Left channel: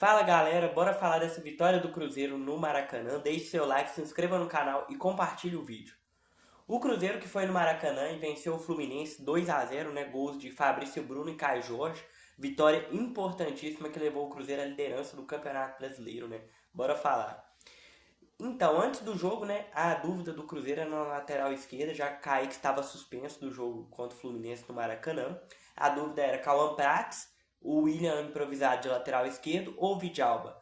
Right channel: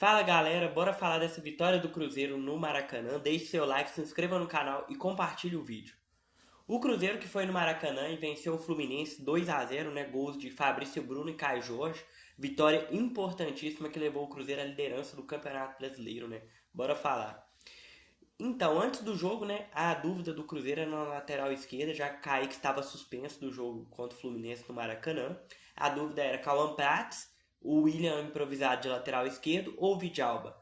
Fala galera, bora falar dessa vitória do Cruzeiro no Maracanã. Deixe seu like, se inscreva no canal e compartilhe o vídeo. O Cruzeiro que foi no Maracanã e venceu o Fluminense 2-0, né? Gols de Fabrício Bruno e Caio Jorge. Vitória importantíssima que levou o Cruzeiro à liderança do Campeonato Brasileiro, né? Bora falar. Então, antes do jogo, né, a dúvida do Cruzeiro era na lateral esquerda, já que Kaique estava suspenso do jogo contra o Fluminense no Maracanã. A dúvida era Cauã Prats, o William improvisado de lateral esquerdo ou Vidalba.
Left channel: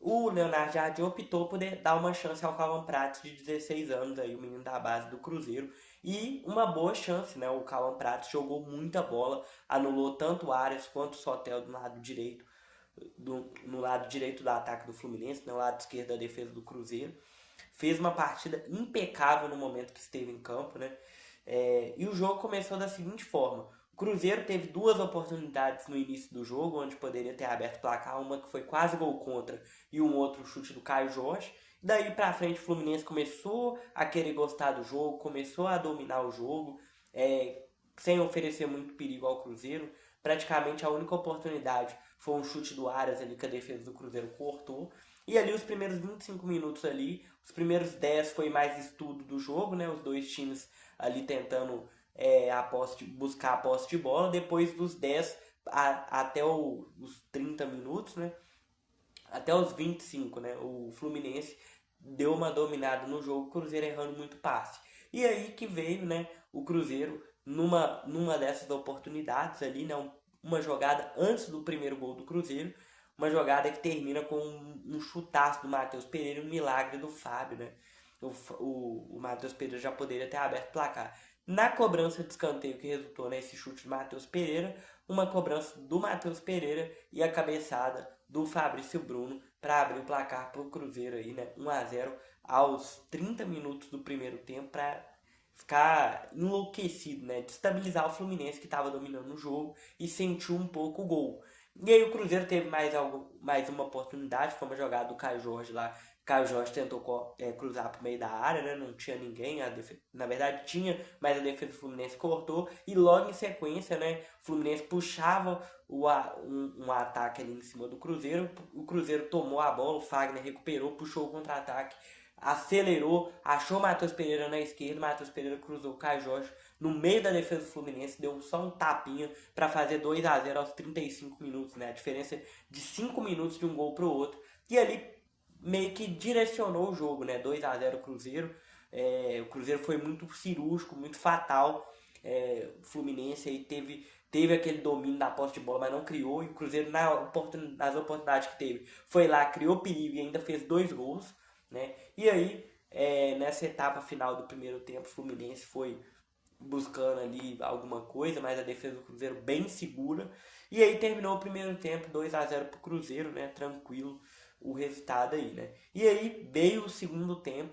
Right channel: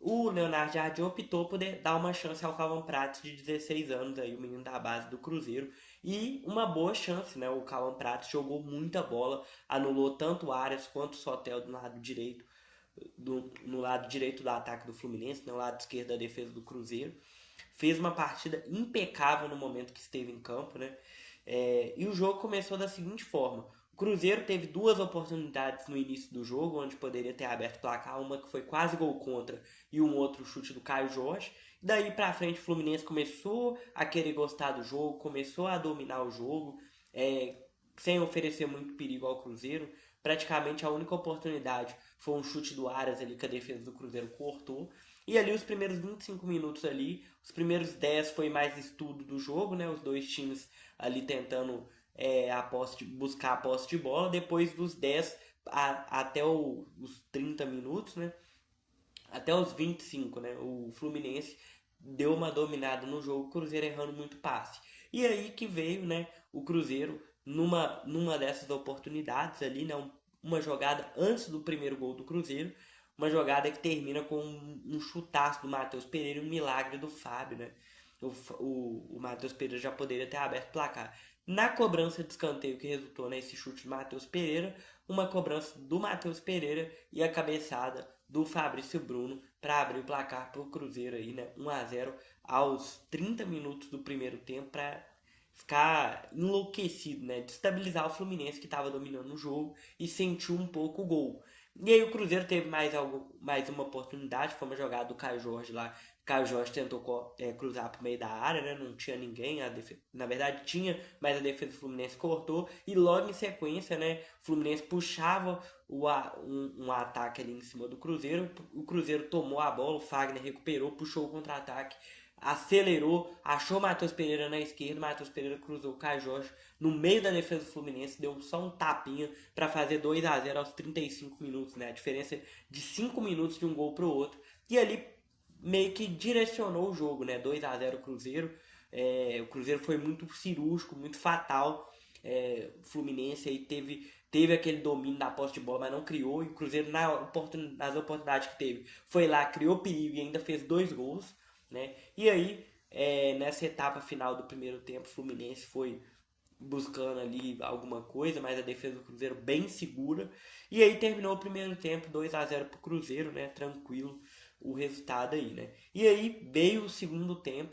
O Leonardo Jardim optou por dar uma chance ao Cauã Prats, de 16 anos, aí, o menino da base do Cruzeiro. E uma boa chance, né? O Cauã Prats jogou muita bola, anulou tanto o Arias quanto o Sotel do lado direito no lado direito do ataque do Fluminense, no lado esquerdo da defesa do Cruzeiro. Fez uma partida impecável no momento que esteve em campo, né? E o jogo começou da seguinte forma: o Cruzeiro teve duas oportunidades no início do jogo, onde poderia ter aberto o placar, uma que foi quase gol contra e um outro chute do Caio Jorge. Daí pra frente o Fluminense começou a querer gostar do jogo, começou a dominar o jogo, sem oferecer muito perigo ao Cruzeiro. Praticamente a única oportunidade foi um chute do Arias ali que a defesa do Cruzeiro cortou. E ali os primeiros 25 minutos ali, os primeiros 10 foi mais estudo do jogo, né? Os dois times ali tentando buscar a posse de bola. Depois dos 10 até os 30 minutos, né? Até os 25, né? O Fluminense deu uma dominada no jogo, o Cruzeiro errando muito passe. E aí que veio, né, o Cruzeiro numa dessas oportunidades ali, né, uma jogada antes do primeiro gol do Cruzeiro, uma jogada que termina com um chutaço do Matheus Pereira, um milagre do Fábio, né? O Matheus Pereira já poderia ter aberto o placar. Na cobrança de escanteio que resultou nesse chute do Matheus Pereira, uma cobrança do Matheus Pereira e a cabeçada do Fabrício Bruno para abrir o placar para o Cruzeiro aí, né? 1-0 aos 30 minutos do primeiro tempo para ficar enlouquecido, né? Destabilizar o Fluminense que estava dominando o jogo e sentiu um pouco o gol. E aí o Cruzeiro teve mais uma oportunidade, foi uma jogada do Caio Jorge lá. Caio Jorge tentou cruzar para o meio da área, né? Não tinha ninguém. Na verdade tinha, mas a defesa do Fluminense cortou. E logo em sequência, né? O Fluminense puxava um ataque ali em cima do Cruzeiro. O Cruzeiro tomou a bola, o Fagner recuperou, puxou o contra-ataque, acelerou, achou o Matheus Pereira na esquerda, o Matheus Pereira cruzou o Caio Jorge no meio da defesa do Fluminense, deu só um tapinha para fazer 2-0 aos 35 minutos, né? A diferença de 5 minutos de um gol para o outro. E ali meio que direcionou o jogo, né? 2-0 Cruzeiro. O Cruzeiro foi muito cirúrgico, muito fatal. O Fluminense aí teve aquele domínio da posse de bola, mas não criou. E o Cruzeiro, nas oportunidades que teve, foi lá, criou perigo e ainda fez 2 gols, né? E aí, nessa etapa final do primeiro tempo, o Fluminense foi buscando ali alguma coisa, mas a defesa do Cruzeiro bem segura. E aí terminou o primeiro tempo 2-0 pro Cruzeiro, né? Tranquilo o resultado aí, né? E aí veio o segundo tempo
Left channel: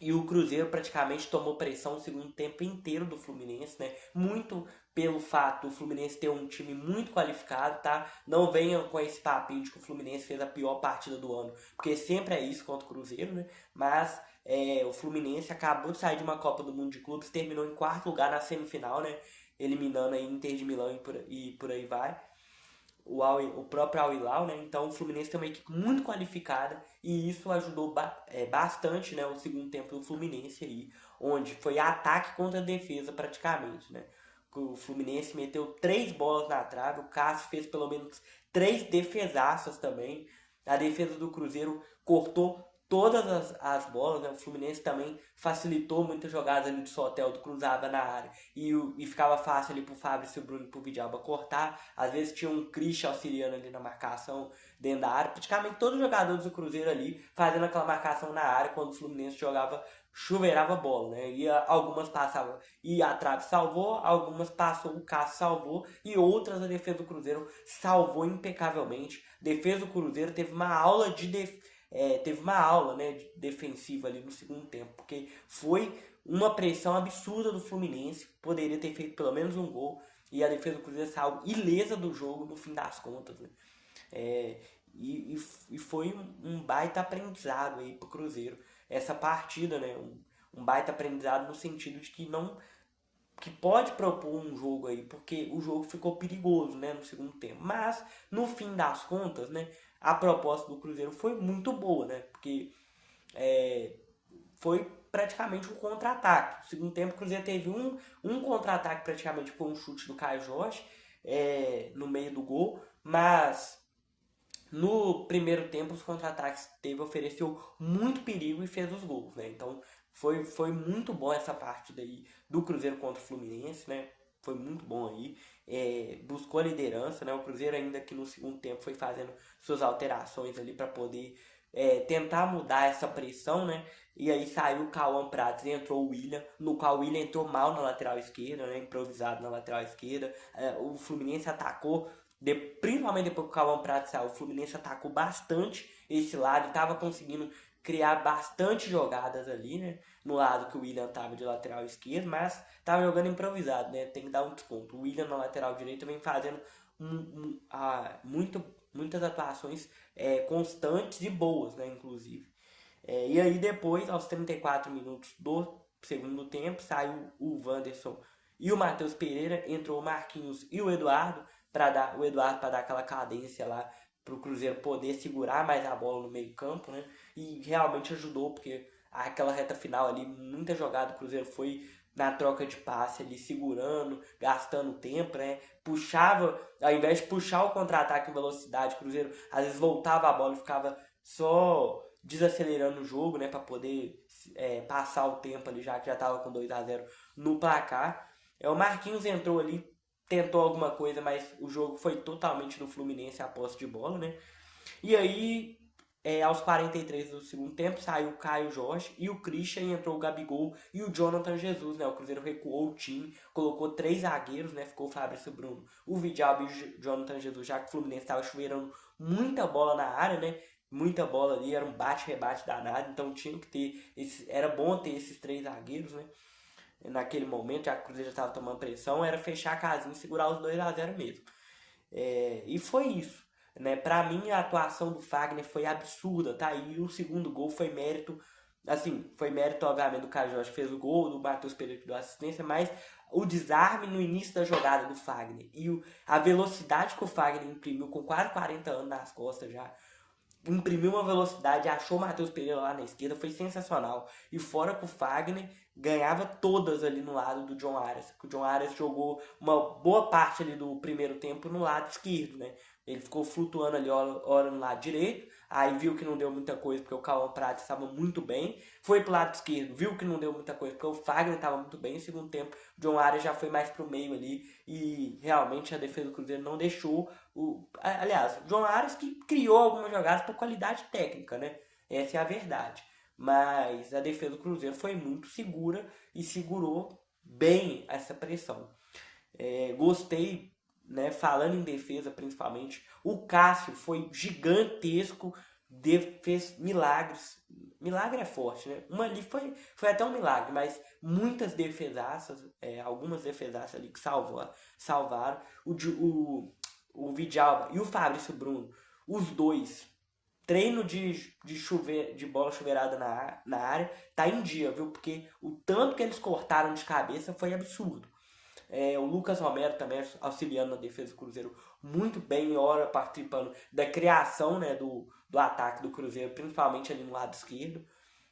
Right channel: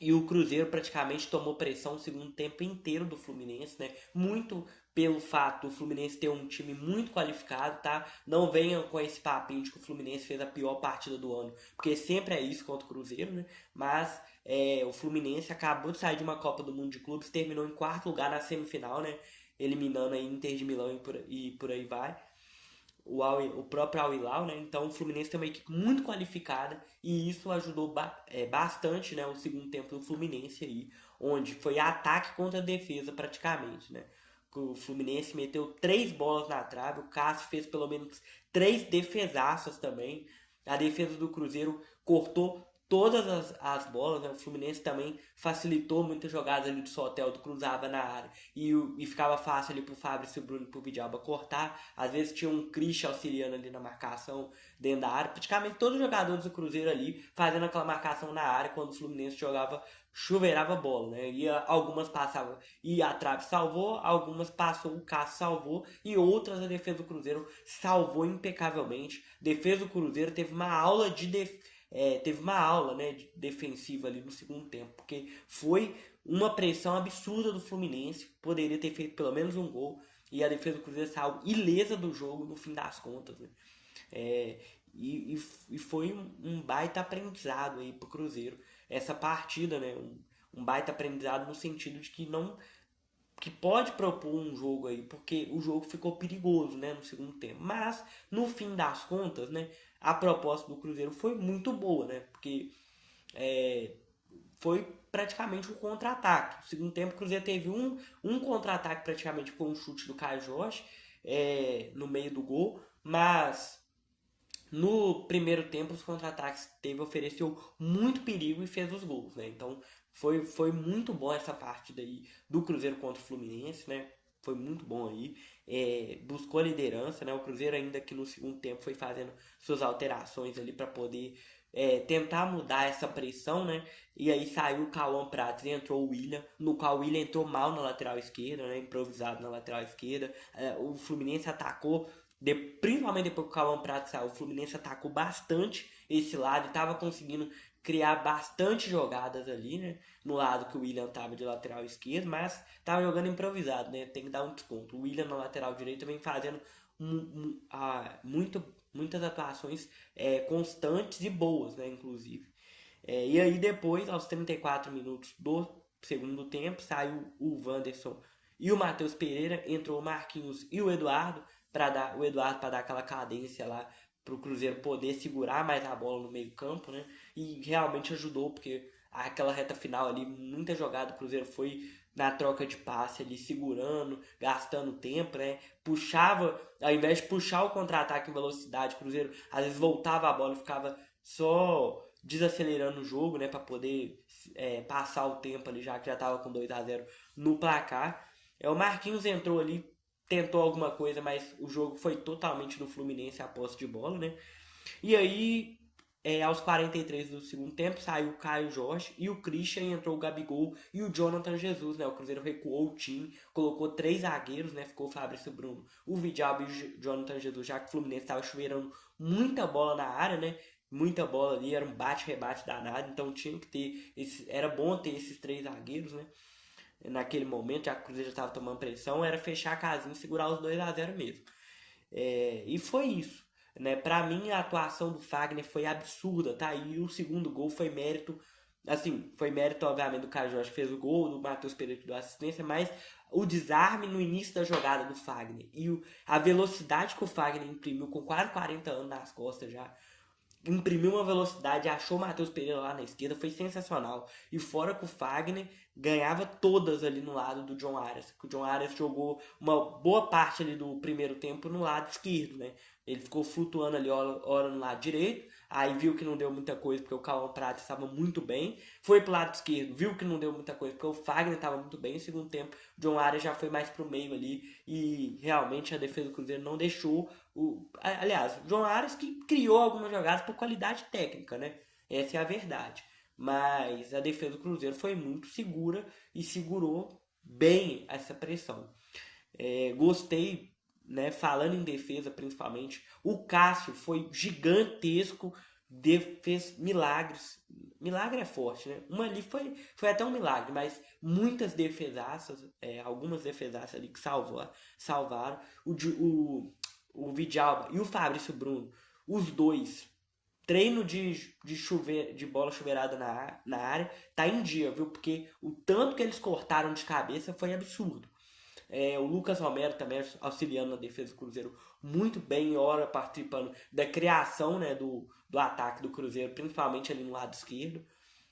e o Cruzeiro praticamente tomou pressão o segundo tempo inteiro do Fluminense, né? Muito pelo fato do Fluminense ter um time muito qualificado, tá? Não venham com esse papinho de que o Fluminense fez a pior partida do ano, porque sempre é isso contra o Cruzeiro, né? Mas o Fluminense acabou de sair de uma Copa do Mundo de Clubes, terminou em quarto lugar na semifinal, né? Eliminando a Inter de Milão e por aí vai o próprio Al Hilal, né? Então o Fluminense tem uma equipe muito qualificada e isso ajudou bastante, né, o segundo tempo do Fluminense aí, onde foi ataque contra defesa praticamente, né? O Fluminense meteu 3 bolas na trave, o Cássio fez pelo menos 3 defesaças também. A defesa do Cruzeiro cortou todas as bolas, né? O Fluminense também facilitou muitas jogadas ali do Soteldo, cruzava na área e ficava fácil ali pro Fabrício Bruno e pro Vidalba cortar. Às vezes tinha um Christian auxiliando ali na marcação dentro da área. Praticamente todos os jogadores do Cruzeiro ali fazendo aquela marcação na área quando o Fluminense jogava, chuveirava bola, né? E algumas passavam e a trave salvou, algumas passou, o Cássio salvou e outras a defesa do Cruzeiro salvou impecavelmente. A defesa do Cruzeiro teve uma aula, né, defensiva ali no segundo tempo, porque foi uma pressão absurda do Fluminense, poderia ter feito pelo menos um gol, e a defesa do Cruzeiro saiu ilesa do jogo no fim das contas, né? É, e foi um baita aprendizado aí pro Cruzeiro, essa partida, né? Um baita aprendizado no sentido de que não que pode propor um jogo aí, porque o jogo ficou perigoso, né, no segundo tempo. Mas, no fim das contas, né, a proposta do Cruzeiro foi muito boa, né? Porque foi praticamente um contra-ataque. No segundo tempo, o Cruzeiro teve um contra-ataque praticamente com um chute do Caio Jorge no meio do gol, mas no primeiro tempo os contra-ataques ofereceu muito perigo e fez os gols, né? Então foi muito bom essa partida aí do Cruzeiro contra o Fluminense, né? Foi muito bom aí. Buscou a liderança, né? O Cruzeiro ainda que no segundo tempo foi fazendo suas alterações ali para poder tentar mudar essa pressão, né? E aí saiu o Cauã Prates e entrou o William, no qual o William entrou mal na lateral esquerda, né? Improvisado na lateral esquerda. O Fluminense atacou, principalmente depois que o Cauã Prates saiu, o Fluminense atacou bastante esse lado, estava conseguindo criar bastante jogadas ali, né? No lado que o William estava de lateral esquerdo, mas estava jogando improvisado, né? Tem que dar um desconto. O William na lateral direita vem fazendo muitas atuações constantes e boas, né? Inclusive. E aí depois, aos 34 minutos do segundo tempo, saiu o Wanderson e o Matheus Pereira, entrou o Marquinhos e o Eduardo para dar aquela cadência lá para o Cruzeiro poder segurar mais a bola no meio campo, né? E realmente ajudou, porque aquela reta final ali, muita jogada do Cruzeiro foi na troca de passe ali, segurando, gastando tempo, né? Puxava, ao invés de puxar o contra-ataque em velocidade, o Cruzeiro às vezes voltava a bola e ficava só desacelerando o jogo, né? Para poder passar o tempo ali, já que já estava com 2-0 no placar. O Marquinhos entrou ali, tentou alguma coisa, mas o jogo foi totalmente do Fluminense a posse de bola, né? E aí, aos 43 do segundo tempo, saiu o Caio Jorge e o Christian, e entrou o Gabigol e o Jonathan Jesus, né? O Cruzeiro recuou o time, colocou 3 zagueiros, né? Ficou o Fabrício Bruno, o Vidal e o Jonathan Jesus, já que o Fluminense estava chuveirando muita bola na área, né? Muita bola ali, era um bate-rebate danado, então tinha que ter, era bom ter esses 3 zagueiros, né? Naquele momento, já que o Cruzeiro já estava tomando pressão, era fechar a casinha e segurar os 2-0 mesmo. E foi isso. Né? Para mim, a atuação do Fagner foi absurda, tá? E o segundo gol foi mérito, assim, foi mérito, obviamente, do Caio Jorge que fez o gol, do Matheus Pereira que deu assistência, mas o desarme no início da jogada do Fagner e a velocidade que o Fagner imprimiu com quase 40 anos nas costas já, imprimiu uma velocidade, achou o Matheus Pereira lá na esquerda, foi sensacional. E fora que o Fagner ganhava todas ali no lado do John Arias. O John Arias jogou uma boa parte ali do primeiro tempo no lado esquerdo, né? Ele ficou flutuando ali hora no lado direito, aí viu que não deu muita coisa porque o Cauã Prates estava muito bem, foi pro lado esquerdo, viu que não deu muita coisa porque o Fagner estava muito bem, no segundo tempo o John Arias já foi mais pro meio ali e realmente a defesa do Cruzeiro não deixou aliás, o John Arias que criou algumas jogadas por qualidade técnica, né? Essa é a verdade. Mas a defesa do Cruzeiro foi muito segura e segurou bem essa pressão. Gostei, né? Falando em defesa principalmente, o Cássio foi gigantesco, fez milagres. Milagre é forte, né? Uma ali foi até um milagre, mas muitas defesaças, algumas defesaças ali que salvaram. O Vidal e o Fabrício Bruno, os dois, treino de bola chuveirada na área, tá em dia, viu? Porque o tanto que eles cortaram de cabeça foi absurdo. O Lucas Romero também auxiliando na defesa do Cruzeiro muito bem, hora participando da criação, né, do ataque do Cruzeiro, principalmente ali no lado esquerdo,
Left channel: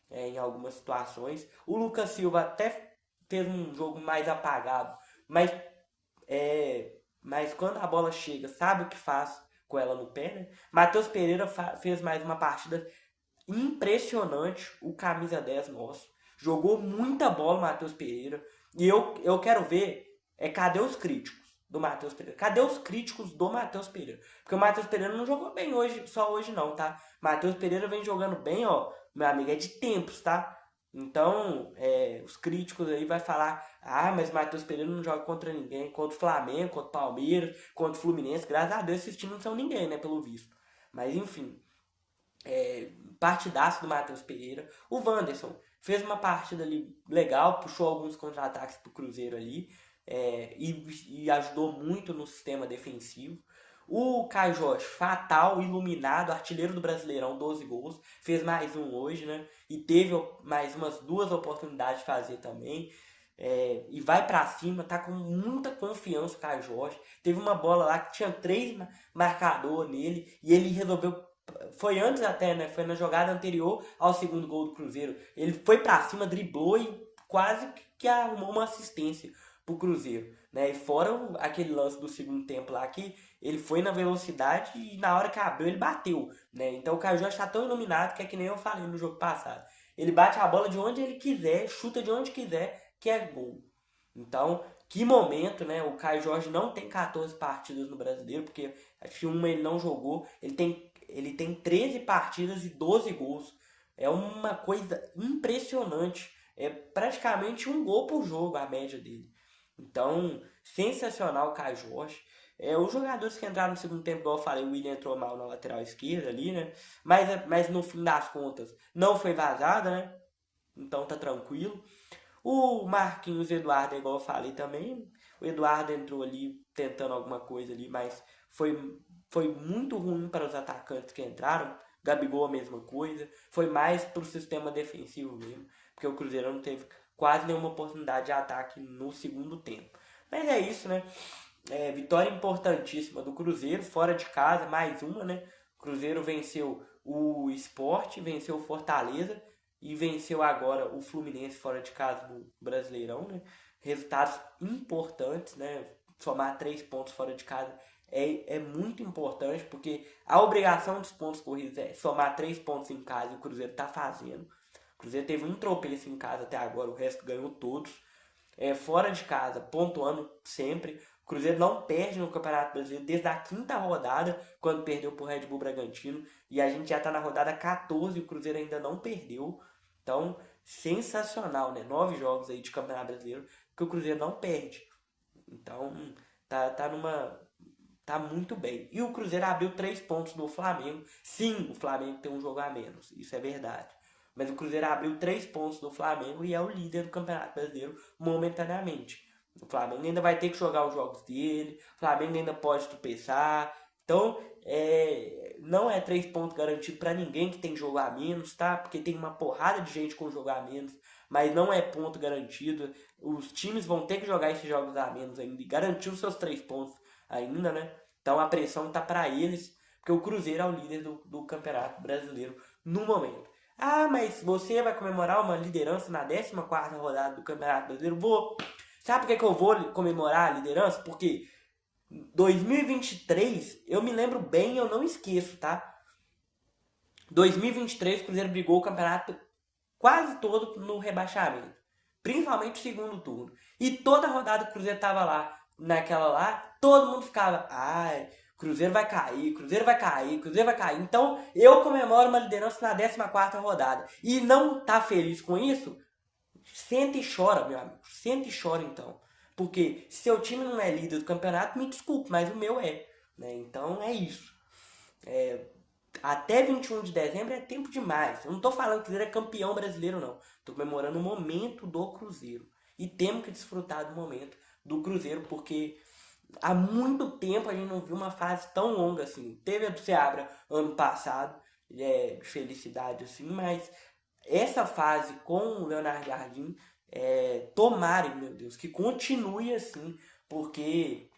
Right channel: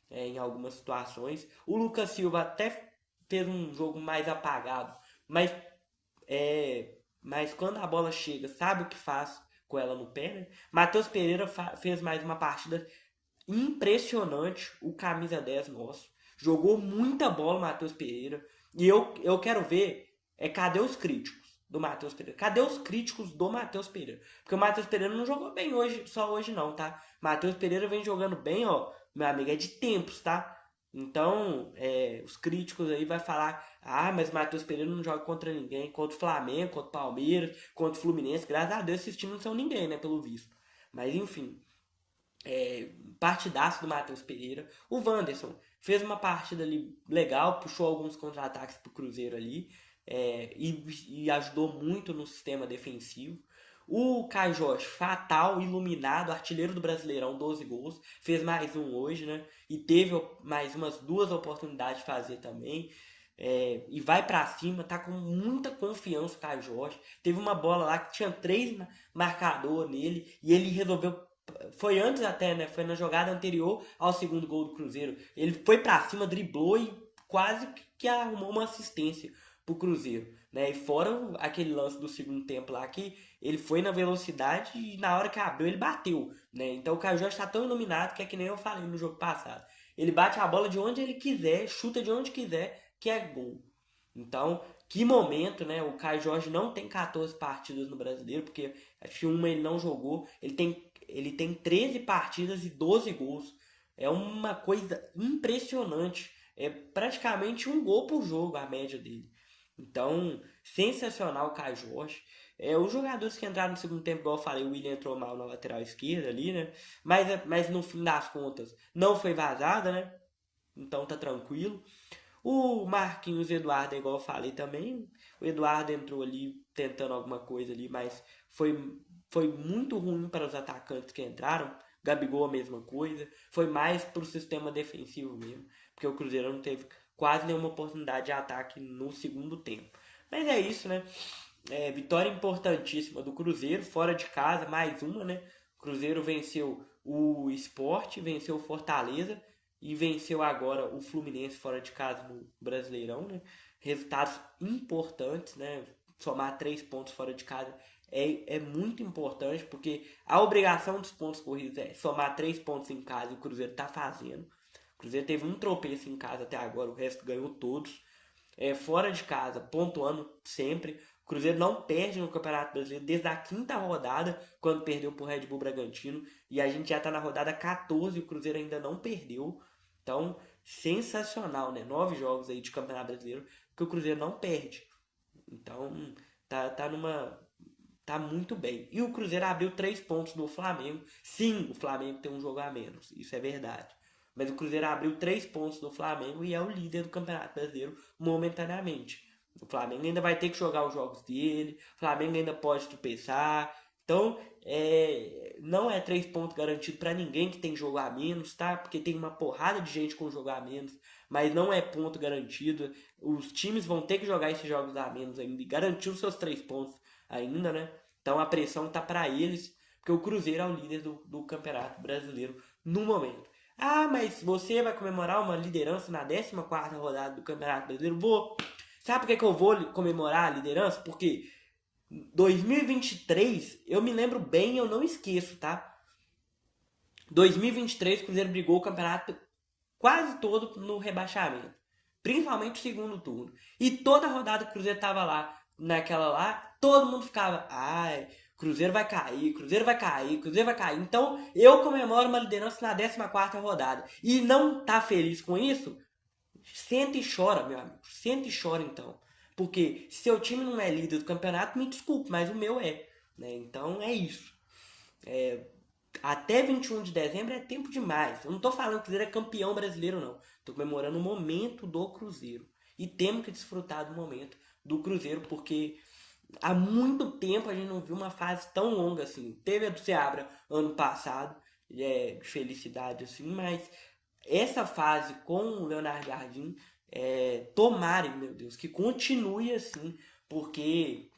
em algumas situações. O Lucas Silva até fez um jogo mais apagado, mas quando a bola chega, sabe o que faz com ela no pé, né? Matheus Pereira fez mais uma partida impressionante, o camisa 10 nosso. Jogou muita bola o Matheus Pereira. E eu quero ver, cadê os críticos do Matheus Pereira? Cadê os críticos do Matheus Pereira? Porque o Matheus Pereira não jogou bem hoje, só hoje não, tá? Matheus Pereira vem jogando bem, ó, meu amigo, é de tempos, tá? Então, os críticos aí vai falar, mas Matheus Pereira não joga contra ninguém, contra o Flamengo, contra o Palmeiras, contra o Fluminense, graças a Deus esses times não são ninguém, né, pelo visto. Mas enfim, partidaço do Matheus Pereira. O Wanderson fez uma partida ali legal, puxou alguns contra-ataques pro Cruzeiro ali, e ajudou muito no sistema defensivo. O Caio Jorge, fatal, iluminado, artilheiro do Brasileirão, 12 gols, fez mais um hoje, né? E teve mais umas 2 oportunidades de fazer também. E vai pra cima, tá com muita confiança o Caio Jorge. Teve uma bola lá que tinha 3 marcadores nele e ele resolveu Foi antes até, né? Foi na jogada anterior ao segundo gol do Cruzeiro. Ele foi pra cima, driblou e quase que arrumou uma assistência pro Cruzeiro, né? E fora aquele lance do segundo tempo lá que ele foi na velocidade e na hora que abriu ele bateu, né? Então o Caio Jorge tá tão iluminado que é que nem eu falei no jogo passado. Ele bate a bola de onde ele quiser, chuta de onde quiser, que é gol. Então, que momento, né? O Caio Jorge não tem 14 partidas no Brasileiro, porque acho que uma ele não jogou. Ele tem 13 partidas e 12 gols. É uma coisa impressionante. É praticamente um gol por jogo a média dele. Então, sensacional o Caio Jorge. Os jogadores que entraram no segundo tempo, igual eu falei, o William entrou mal na lateral esquerda ali, né? Mas no fim das contas, não foi vazada, né? Então tá tranquilo. O Marquinhos Eduardo, igual eu falei também, o Eduardo entrou ali tentando alguma coisa ali, mas foi muito ruim para os atacantes que entraram. Gabigol a mesma coisa. Foi mais para o sistema defensivo mesmo, porque o Cruzeiro não teve quase nenhuma oportunidade de ataque no segundo tempo. Mas é isso, né? Vitória importantíssima do Cruzeiro, fora de casa, mais uma, né? O Cruzeiro venceu o Sport, venceu o Fortaleza e venceu agora o Fluminense fora de casa no Brasileirão, né? Resultados importantes, né? Somar 3 pontos fora de casa é muito importante, porque a obrigação dos pontos corridos é somar 3 pontos em casa e o Cruzeiro está fazendo. O Cruzeiro teve um tropeço em casa até agora, o resto ganhou todos. Fora de casa, pontuando sempre. O Cruzeiro não perde no Campeonato Brasileiro desde a quinta rodada, quando perdeu para o Red Bull Bragantino. E a gente já está na rodada 14 e o Cruzeiro ainda não perdeu. Então, sensacional, né? 9 jogos aí de Campeonato Brasileiro que o Cruzeiro não perde. Então, tá muito bem. E o Cruzeiro abriu 3 pontos no Flamengo. Sim, o Flamengo tem um jogo a menos. Isso é verdade. Mas o Cruzeiro abriu 3 pontos no Flamengo e é o líder do Campeonato Brasileiro momentaneamente. O Flamengo ainda vai ter que jogar os jogos dele. O Flamengo ainda pode tropeçar. Então, não é 3 pontos garantido para ninguém que tem jogo a menos, tá? Porque tem uma porrada de gente com jogo a menos. Mas não é ponto garantido. Os times vão ter que jogar esses jogos a menos ainda e garantir os seus 3 pontos ainda, né? Então a pressão tá para eles, porque o Cruzeiro é o líder do Campeonato Brasileiro no momento. Ah, mas você vai comemorar uma liderança na 14ª rodada do Campeonato Brasileiro? Vou. Sabe por que eu vou comemorar a liderança? Porque 2023, eu me lembro bem, eu não esqueço, tá? 2023 o Cruzeiro brigou o campeonato quase todo no rebaixamento. Principalmente o segundo turno. E toda a rodada o Cruzeiro tava lá, naquela lá, todo mundo ficava, ai, Cruzeiro vai cair, Cruzeiro vai cair, Cruzeiro vai cair. Então eu comemoro uma liderança na 14ª rodada. E não tá feliz com isso? Senta e chora, meu amigo. Senta e chora então. Porque se seu time não é líder do campeonato, me desculpe, mas o meu é. Né? Então é isso. Até 21 de dezembro é tempo demais. Eu não tô falando que o Cruzeiro é campeão brasileiro, não. Tô comemorando o momento do Cruzeiro. E temos que desfrutar do momento do Cruzeiro, porque há muito tempo a gente não viu uma fase tão longa assim. Teve a do Seabra ano passado, de felicidade assim, mas essa fase com o Leonardo Jardim, tomarem, meu Deus, que continue assim, porque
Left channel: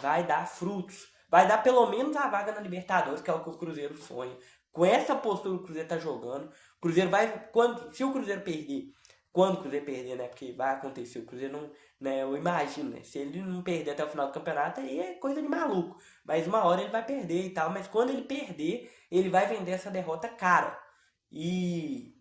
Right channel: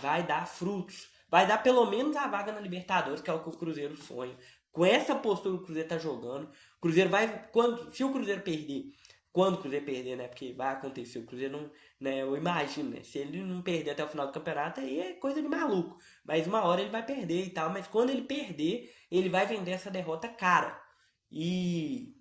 vai dar frutos. Vai dar pelo menos a vaga na Libertadores, que é o que o Cruzeiro sonha. Com essa postura que o Cruzeiro tá jogando, o Cruzeiro vai. Se o Cruzeiro perder, quando o Cruzeiro perder, né? Porque vai acontecer, o Cruzeiro não. Né, eu imagino, né? Se ele não perder até o final do campeonato, aí é coisa de maluco. Mas uma hora ele vai perder e tal. Mas quando ele perder, ele vai vender essa derrota cara. E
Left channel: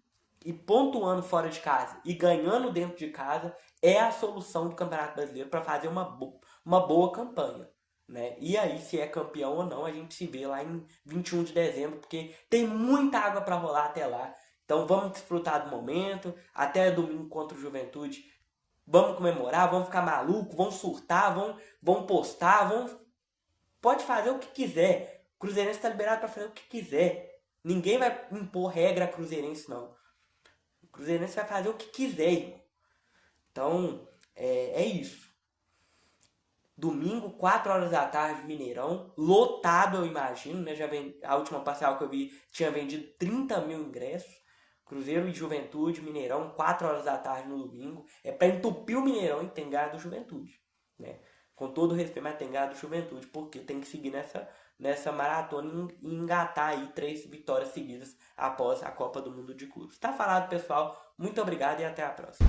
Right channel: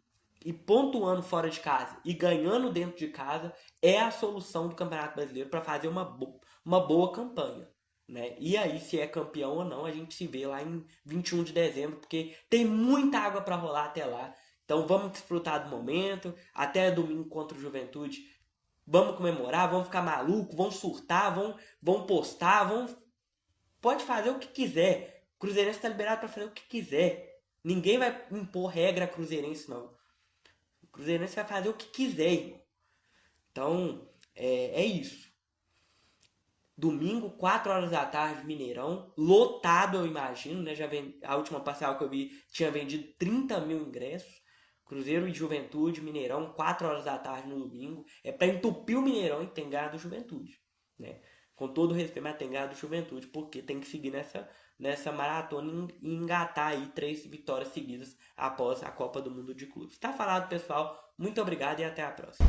pontuando fora de casa e ganhando dentro de casa é a solução do Campeonato Brasileiro para fazer uma boa campanha. Né? E aí, se é campeão ou não, a gente se vê lá em 21 de dezembro, porque tem muita água para rolar até lá. Então vamos desfrutar do momento, até domingo contra o Juventude. Vamos comemorar, vamos ficar maluco, vamos surtar, vamos postar, pode fazer o que quiser. O Cruzeirense está liberado para fazer o que quiser. Ninguém vai impor regra a Cruzeirense, não. O Cruzeirense vai fazer o que quiser, irmão. Então, é isso. Domingo, 4 horas da tarde, Mineirão. Lotado, eu imagino, né? A última parcial que eu vi tinha vendido 30 mil ingressos. Cruzeiro e Juventude, Mineirão, 4 horas da tarde no domingo. É para entupir o Mineirão e tem ganho do Juventude. Né? Com todo respeito, mas tem que ganhar do Juventude, porque tem que seguir nessa maratona e engatar aí 3 vitórias seguidas após a Copa do Mundo de Clubes. Tá falado, pessoal. Muito obrigado e até a próxima.